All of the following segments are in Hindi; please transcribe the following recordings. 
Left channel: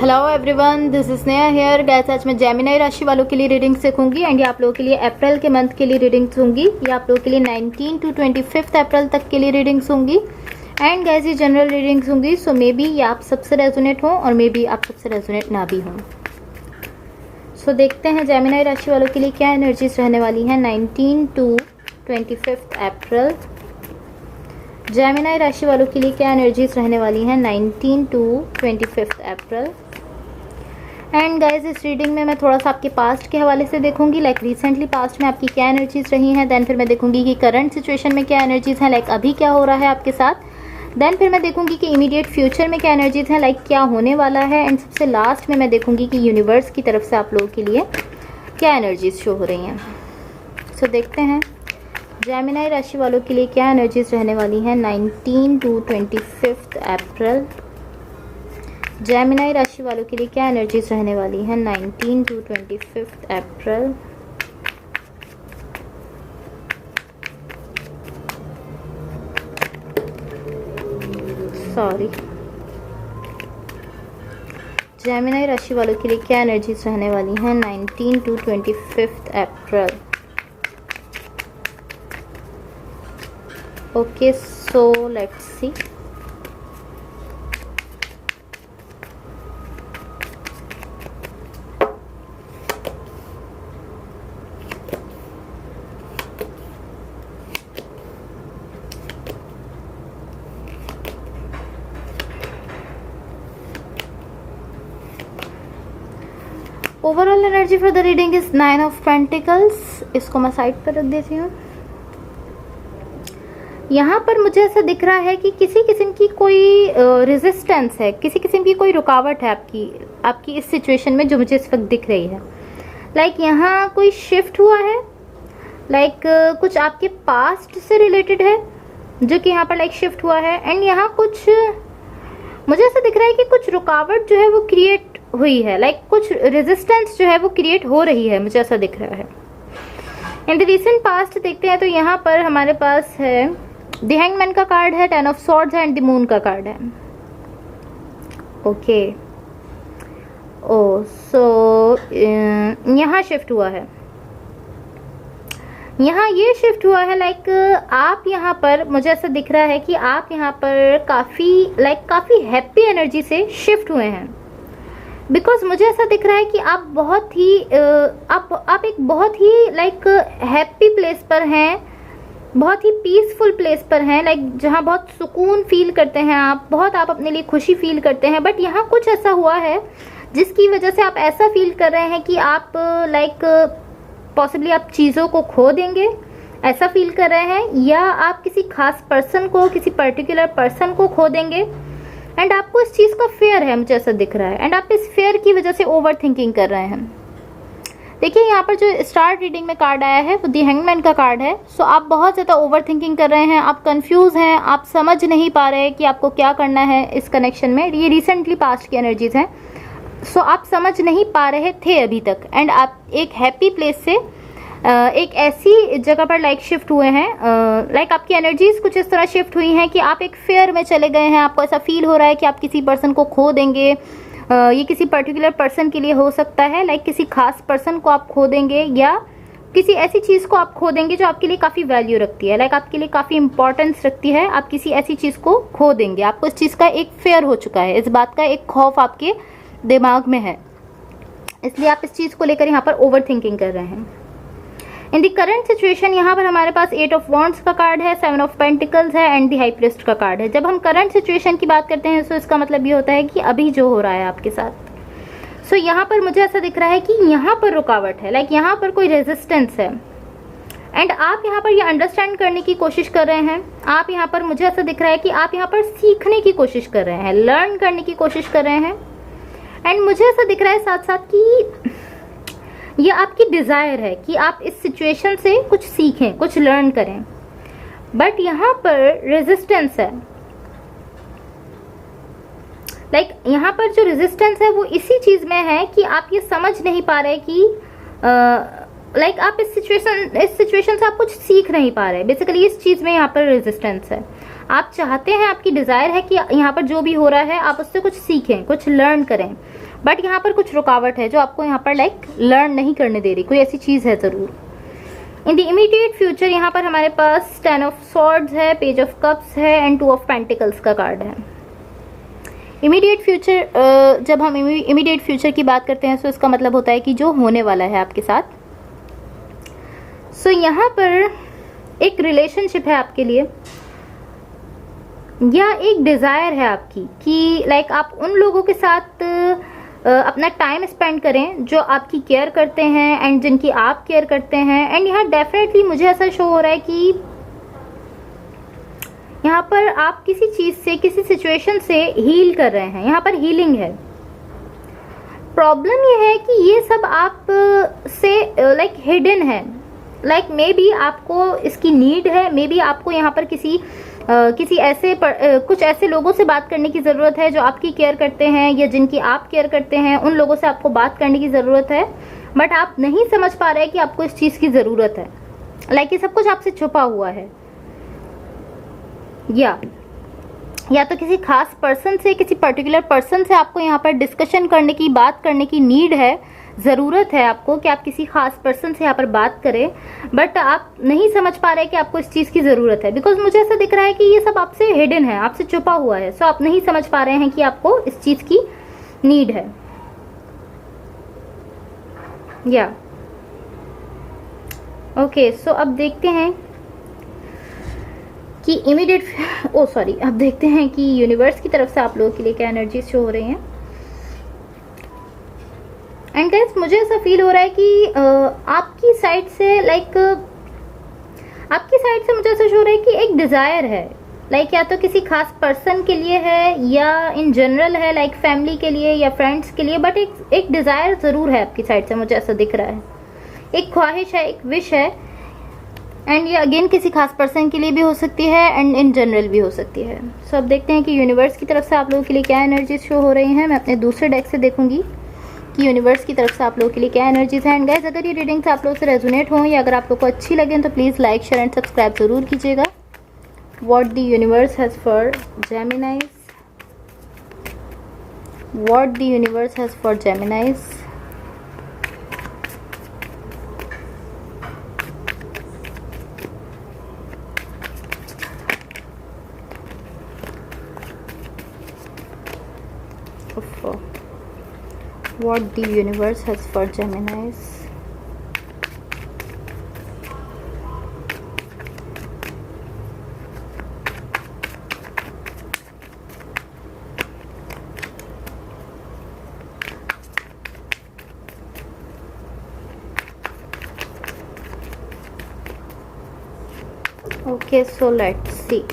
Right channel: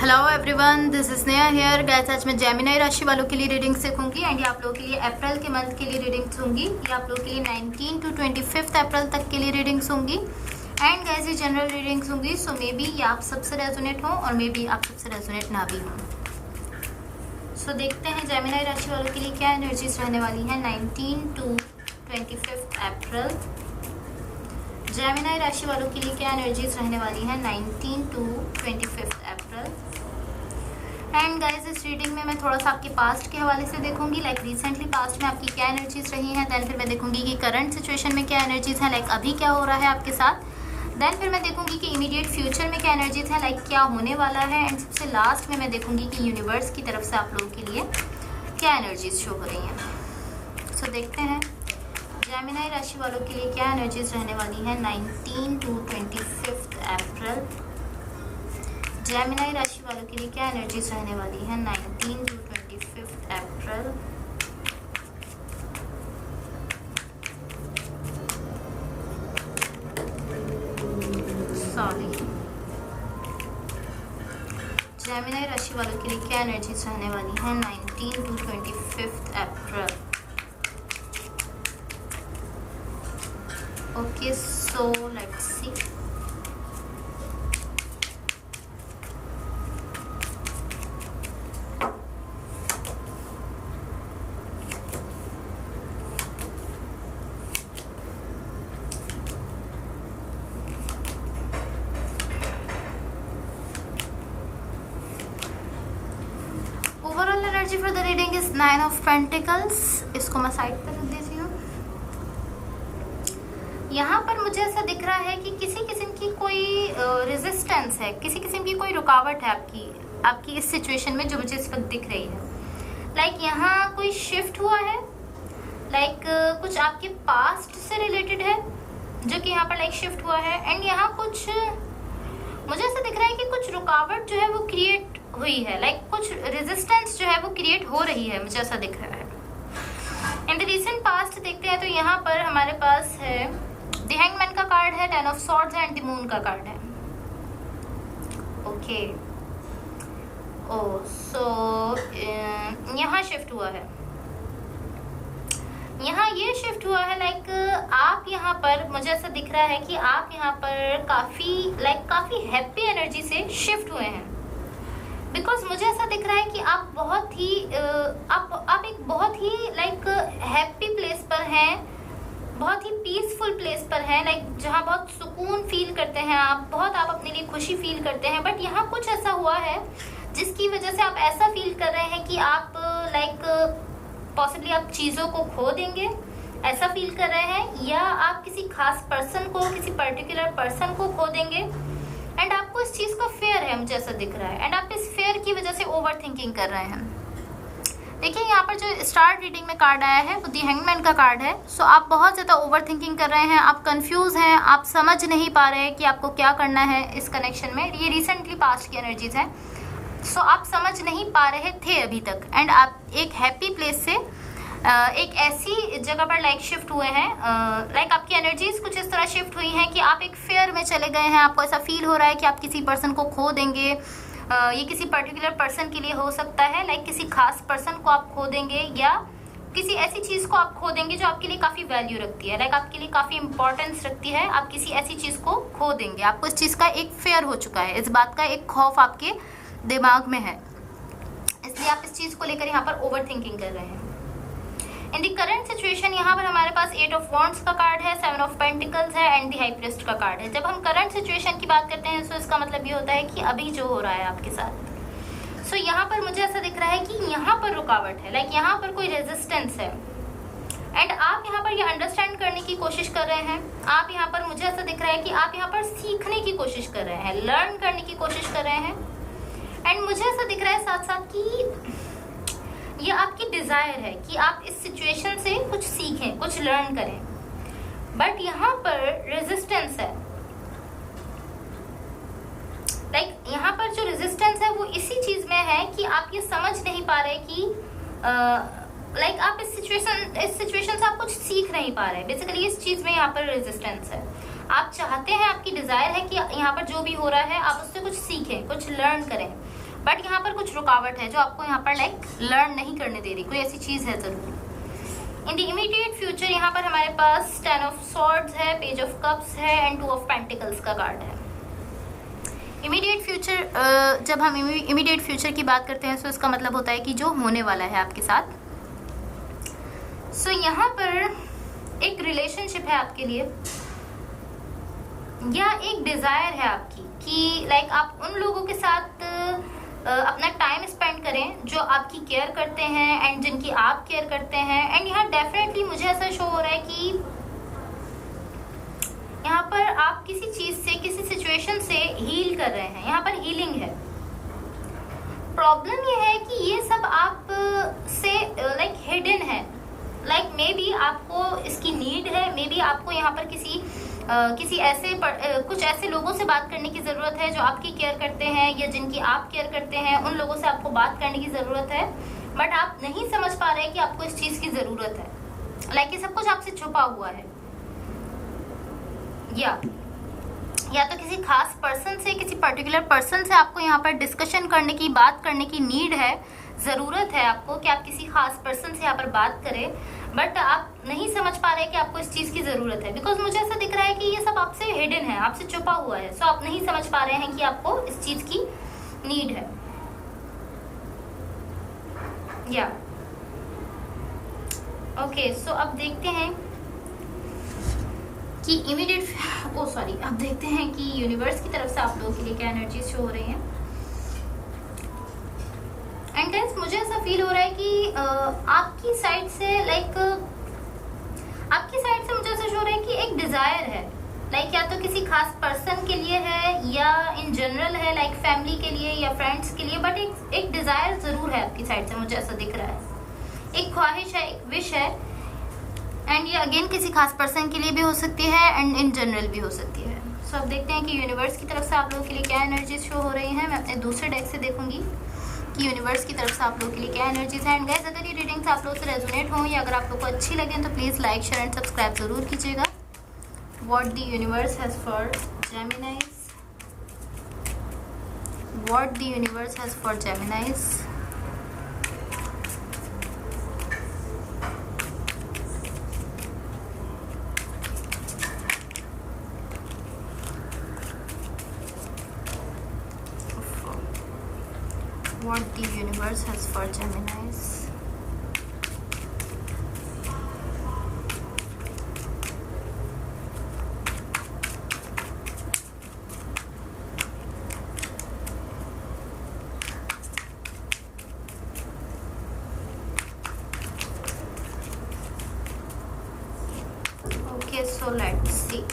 Hello everyone, this is Sneha here. Guys, आज मैं जेमिनी राशि वालों के लिए रीडिंग सीखूंगी एंड ये आप लोगों के लिए अप्रैल के मंथ के लिए रीडिंग्स होंगी। ये आप लोगों के लिए 19 to 25 अप्रैल तक के लिए रीडिंग्स होंगी। एंड गाइस, ये जनरल रीडिंग्स होंगी, सो मे बी ये आप सबसे रेजोनेट हो और मे बी आप सबसे रेजोनेट ना भी हो। सो देखते हैं जेमिनी राशि वालों के लिए क्या एनर्जीज रहने वाली हैं 19 to 25 अप्रैल। जेमिनी राशि वालों के लिए क्या एनर्जीज रहने वाली हैं 19 to 25 अप्रैल। एंड गाइज, इस रीडिंग में मैं थोड़ा सा आपके पास्ट के हवाले से देखूंगी, लाइक रिसेंटली पास्ट में आपकी क्या एनर्जीज रही हैं। देन फिर मैं देखूंगी कि करंट सिचुएशन में क्या एनर्जीज हैं, लाइक अभी क्या हो रहा है आपके साथ। देन फिर मैं देखूंगी कि इमीडिएट फ्यूचर में क्या एनर्जीज हैं, लाइक क्या होने वाला है। एंड सबसे लास्ट में मैं देखूंगी कि यूनिवर्स की तरफ से आप लोगों के लिए क्या एनर्जीज शो हो रही हैं। सो देखते हैं जेमिनी राशि वालों के लिए क्या एनर्जीज रहने वाली हैं 19 to 25 अप्रैल। जेमिनी राशि वालों के लिए क्या एनर्जीज रहने वाली हैं 19 to 25 अप्रैल। जेमिनी राशि वालों के लिए क्या एनर्जीज रहने वाली हैं 19 to 25 April. Okay, so let's see. Overall energy for the reading is 9 of pentacles. इसको मैं साइड पर रख देती हूँ। यहाँ पर मुझे ऐसा दिख रहा है कि किसी किस्म की कोई रेजिस्टेंस है, किसी किस्म की कोई रुकावट है आपकी इस सिचुएशन में जो मुझे इस वक्त दिख रही है। लाइक यहाँ कोई शिफ्ट हुआ है, लाइक कुछ आपके पास्ट से रिलेटेड है जो कि यहाँ पर लाइक शिफ्ट हुआ है। एंड यहाँ कुछ मुझे ऐसा दिख रहा है कि कुछ रुकावट जो है वो क्रिएट हुई है, लाइक कुछ रेजिस्टेंस जो है वो क्रिएट हो रही है, मुझे ऐसा दिख रहा है। इन द रिसेंट पास्ट देखते हैं तो यहाँ पर हमारे पास है द हैंगमैन का कार्ड है, 10 ऑफ स्वॉर्ड्स है एंड द मून का कार्ड है। ओके, सो यहाँ शिफ्ट हुआ है, यहाँ ये शिफ्ट हुआ है। लाइक आप यहाँ पर मुझे ऐसा दिख रहा है कि आप यहाँ पर काफी हैप्पी एनर्जी से शिफ्ट हुए हैं। बिकॉज मुझे ऐसा दिख रहा है कि आप बहुत ही आप एक बहुत ही लाइक हैप्पी प्लेस पर हैं, बहुत ही पीसफुल प्लेस पर हैं, लाइक जहाँ बहुत सुकून फील करते हैं आप अपने लिए खुशी फील करते हैं। बट यहाँ कुछ ऐसा हुआ है जिसकी वजह से आप ऐसा फील कर रहे हैं कि आप लाइक पॉसिबली आप चीज़ों को खो देंगे, ऐसा फील कर रहे हैं, या आप किसी खास पर्सन को, किसी पर्टिकुलर पर्सन को खो देंगे। एंड आपको इस चीज़ का फेयर है, मुझे ऐसा दिख रहा है। एंड आप इस फेयर की वजह से ओवर थिंकिंग कर रहे हैं। देखिए यहाँ पर जो स्टार्ट रीडिंग में कार्ड आया है वो द हैंगमैन का कार्ड है। सो आप बहुत ज़्यादा ओवर थिंकिंग कर रहे हैं, आप कंफ्यूज हैं, आप समझ नहीं पा रहे कि आपको क्या करना है इस कनेक्शन में। ये रिसेंटली पास्ट की एनर्जीज हैं। सो आप समझ नहीं पा रहे थे अभी तक। एंड आप एक हैप्पी प्लेस से एक ऐसी जगह पर लाइक शिफ्ट हुए हैं, लाइक आपकी एनर्जीज कुछ इस तरह शिफ्ट हुई हैं कि आप एक फेयर में चले गए हैं। आपको ऐसा फील हो रहा है कि आप किसी पर्सन को खो देंगे। ये किसी पर्टिकुलर पर्सन के लिए हो सकता है, लाइक किसी खास पर्सन को आप खो देंगे, या किसी ऐसी चीज को आप खो देंगे जो आपके लिए काफी वैल्यू रखती है, लाइक आपके लिए काफी इंपॉर्टेंस रखती है। आप किसी ऐसी चीज को खो देंगे। आपको इस चीज का एक फेयर हो चुका है, इस बात का एक खौफ आपके दिमाग में है, इसलिए आप इस चीज को लेकर यहाँ पर ओवर थिंकिंग कर रहे हैं। इन द करंट सिचुएशन यहाँ पर हमारे पास 8 ऑफ वॉन्ड्स का कार्ड है, 7 ऑफ पेंटिकल्स है एंड द हाई प्रीस्ट का कार्ड है। जब हम करंट सिचुएशन की बात करते हैं तो इसका मतलब ये होता है कि अभी जो हो रहा है आपके साथ। सो यहाँ पर मुझे ऐसा दिख रहा है कि यहाँ पर रुकावट है, लाइक यहाँ पर कोई रेजिस्टेंस है। एंड आप यहाँ पर ये अंडरस्टैंड करने की कोशिश कर रहे हैं। आप यहाँ पर मुझे ऐसा दिख रहा है कि आप यहाँ पर सीखने की कोशिश कर रहे हैं, लर्न करने की कोशिश कर रहे हैं। एंड मुझे ऐसा दिख रहा है साथ साथ कि ये आपकी डिजायर है कि आप इस सिचुएशन से कुछ सीखें, कुछ लर्न करें। बट यहाँ पर रेजिस्टेंस है, लाइक यहाँ पर जो रेजिस्टेंस है वो इसी चीज में है कि आप ये समझ नहीं पा रहे कि लाइक आप इस सिचुएशन से आप कुछ सीख नहीं पा रहे। बेसिकली इस चीज में यहाँ पर रेजिस्टेंस है। आप चाहते हैं, आपकी डिजायर है कि यहाँ पर जो भी हो रहा है आप उससे कुछ सीखें, कुछ लर्न करें, बट यहाँ पर कुछ रुकावट है जो आपको यहाँ पर लाइक लर्न नहीं करने दे रही, कोई ऐसी चीज है जरूर। इन द इमीडिएट फ्यूचर यहाँ पर हमारे पास 10 ऑफ सॉर्ड्स है, पेज ऑफ कप्स है एंड 2 ऑफ पेंटिकल्स का कार्ड है। इमीडिएट फ्यूचर, जब हम इमीडिएट फ्यूचर की बात करते हैं तो इसका मतलब होता है कि जो होने वाला है आपके साथ। सो यहाँ पर एक रिलेशनशिप है आपके लिए या एक डिजायर है आपकी कि लाइक आप उन लोगों के साथ अपना टाइम स्पेंड करें जो आपकी केयर करते हैं एंड जिनकी आप केयर करते हैं। एंड यहाँ डेफिनेटली मुझे ऐसा शो हो रहा है कि यहाँ पर आप किसी चीज से, किसी सिचुएशन से हील कर रहे हैं, यहाँ पर हीलिंग है। प्रॉब्लम ये है कि ये सब आप से लाइक हिडन है, लाइक मे बी आपको इसकी नीड है, मे बी आपको यहाँ पर किसी ऐसे कुछ ऐसे लोगों से बात करने की जरूरत है जो आपकी केयर करते हैं या जिनकी आप केयर करते हैं, उन लोगों से आपको बात करने की जरूरत है। बट आप नहीं समझ पा रहे कि आपको इस चीज की जरूरत है, लाइक ये सब कुछ आपसे छुपा हुआ है। या तो किसी खास पर्सन से, किसी पर्टिकुलर पर्सन से आपको यहाँ पर डिस्कशन करने की, बात करने की नीड है, जरूरत है आपको कि आप किसी खास पर्सन से यहाँ पर बात करें। बट आप नहीं समझ पा रहे कि आपको इस चीज की जरूरत है, बिकॉज मुझे ऐसा दिख रहा है कि ये सब आपसे हिडन है, आपसे छुपा हुआ है। सो आप नहीं समझ पा रहे हैं कि आपको इस चीज की नीड है। ओके, सो अब देखते हैं कि अब देखते हैं कि यूनिवर्स की तरफ से आप लोगों के लिए क्या एनर्जी शो हो रही हैं। एंड गाइस, मुझे ऐसा फील हो रहा है कि आपकी साइड से मुझे ऐसा शो हो रहा है कि एक डिजायर है, लाइक या तो किसी खास पर्सन के लिए है या इन जनरल है, लाइक फैमिली के लिए या फ्रेंड्स के लिए। बट एक डिजायर जरूर है आपकी साइड से, मुझे ऐसा दिख रहा है। एक ख्वाहिश है, एक विश है। एंड ये अगेन किसी खास पर्सन के लिए भी हो सकती है एंड इन जनरल भी हो सकती है। सो अब देखते हैं कि यूनिवर्स की तरफ से आप लोगों के लिए क्या एनर्जीज शो हो रही हैं। मैं अपने दूसरे डेक से देखूंगी कि यूनिवर्स की तरफ से आप लोगों के लिए क्या एनर्जीज हैं। एंड गाइस, अगर ये रीडिंग्स आप लोगों से रेजोनेट हो या अगर आप लोग को अच्छी लगे तो please like, share and subscribe जरूर कीजिएगा। What the universe has for जेमिनाइज, what the universe has for जेमिनाइज। What the universe has for Geminis. Okay, so let's see.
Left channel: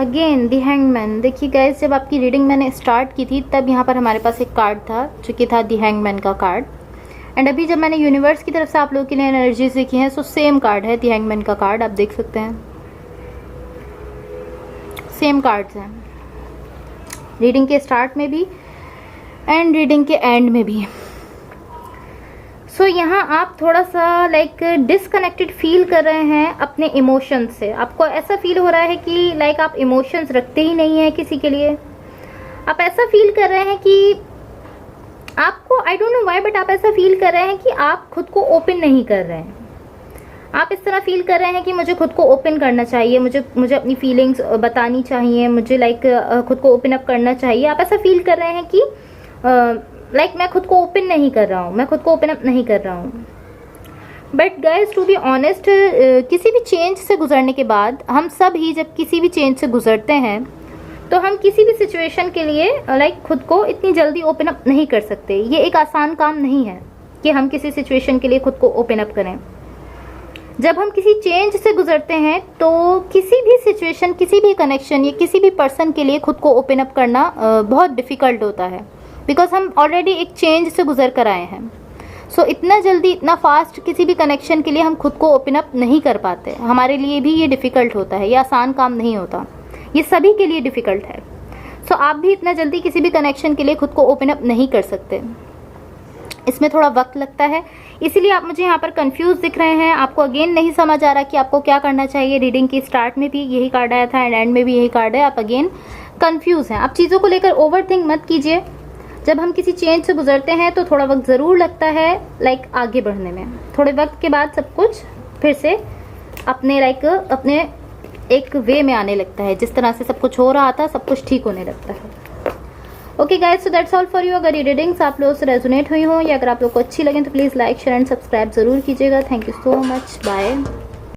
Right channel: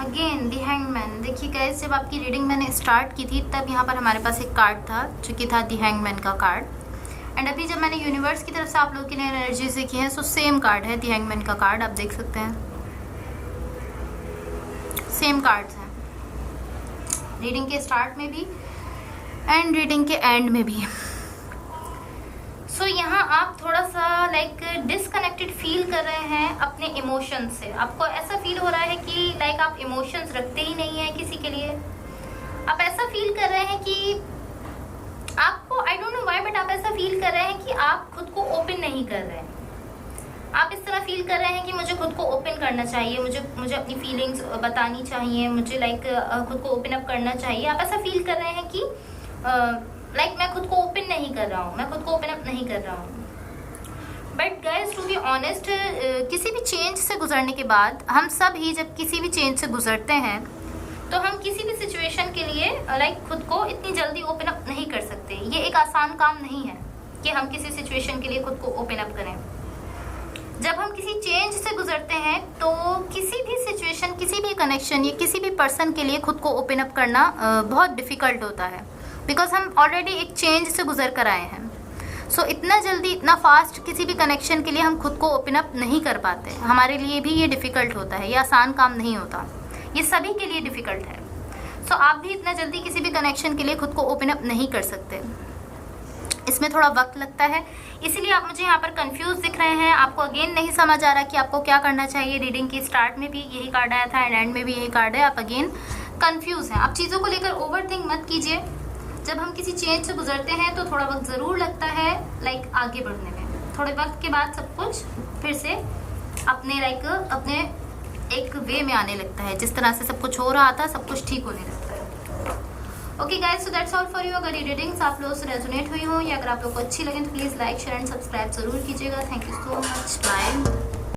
Again the hangman. देखिए गाइस, जब आपकी रीडिंग मैंने स्टार्ट की थी तब यहाँ पर हमारे पास एक कार्ड था जो कि था द हैंगमैन का कार्ड। एंड अभी जब मैंने यूनिवर्स की तरफ से आप लोगों के लिए एनर्जीज देखी हैं, सो सेम कार्ड है द हैंगमैन का कार्ड। आप देख सकते हैं सेम कार्ड्स हैं रीडिंग के स्टार्ट में भी एंड रीडिंग के एंड में भी। सो यहाँ आप थोड़ा सा लाइक डिसकनेक्टेड फील कर रहे हैं अपने इमोशंस से। आपको ऐसा फील हो रहा है कि लाइक आप इमोशंस रखते ही नहीं है किसी के लिए। आप ऐसा फील कर रहे हैं कि आपको, I don't know why, but आप ऐसा फील कर रहे हैं कि आप खुद को ओपन नहीं कर रहे हैं। आप इस तरह फील कर रहे हैं कि मुझे खुद को ओपन करना चाहिए, मुझे अपनी फीलिंग्स बतानी चाहिए, मुझे लाइक खुद को ओपन अप करना चाहिए। आप ऐसा फील कर रहे हैं कि लाइक मैं खुद को ओपन नहीं कर रहा हूँ, मैं खुद को ओपन अप नहीं कर रहा हूँ। But guys, to be honest, किसी भी चेंज से गुजरने के बाद हम सब ही जब किसी भी चेंज से गुजरते हैं तो हम किसी भी सिचुएशन के लिए लाइक खुद को इतनी जल्दी ओपन अप नहीं कर सकते। ये एक आसान काम नहीं है कि हम किसी सिचुएशन के लिए खुद को ओपन अप करें। जब हम किसी चेंज से गुजरते हैं तो किसी भी सिचुएशन, किसी भी कनेक्शन या किसी भी पर्सन के लिए खुद को ओपन अप करना बहुत डिफिकल्ट होता है, बिकॉज हम ऑलरेडी एक चेंज से गुजर कर आए हैं। सो इतना जल्दी, इतना फास्ट किसी भी कनेक्शन के लिए हम खुद को ओपन अप नहीं कर पाते। हमारे लिए भी ये डिफ़िकल्ट होता है, ये आसान काम नहीं होता, ये सभी के लिए डिफ़िकल्ट है। सो आप भी इतना जल्दी किसी भी कनेक्शन के लिए खुद को ओपन अप नहीं कर सकते। इसमें थोड़ा वक्त लगता है, इसीलिए आप मुझे यहाँ पर कंफ्यूज दिख रहे हैं, आपको अगेन नहीं समझ आ रहा कि आपको क्या करना चाहिए। रीडिंग की स्टार्ट में भी यही कार्ड आया था एंड एंड में भी यही कार्ड है, आप अगेन कंफ्यूज हैं। आप चीज़ों को लेकर ओवरथिंक मत कीजिए। जब हम किसी चेंज से गुजरते हैं तो थोड़ा वक्त ज़रूर लगता है आगे बढ़ने में। थोड़े वक्त के बाद सब कुछ फिर से अपने अपने एक वे में आने लगता है। जिस तरह से सब कुछ हो रहा था सब कुछ ठीक होने लगता है। Okay guys, so that's all for you. अगर ये रीडिंग्स आप लोगों से रेजोनेट हुई हो या अगर आप लोग को अच्छी लगे तो please like share and subscribe जरूर कीजिएगा। Thank you so much, bye.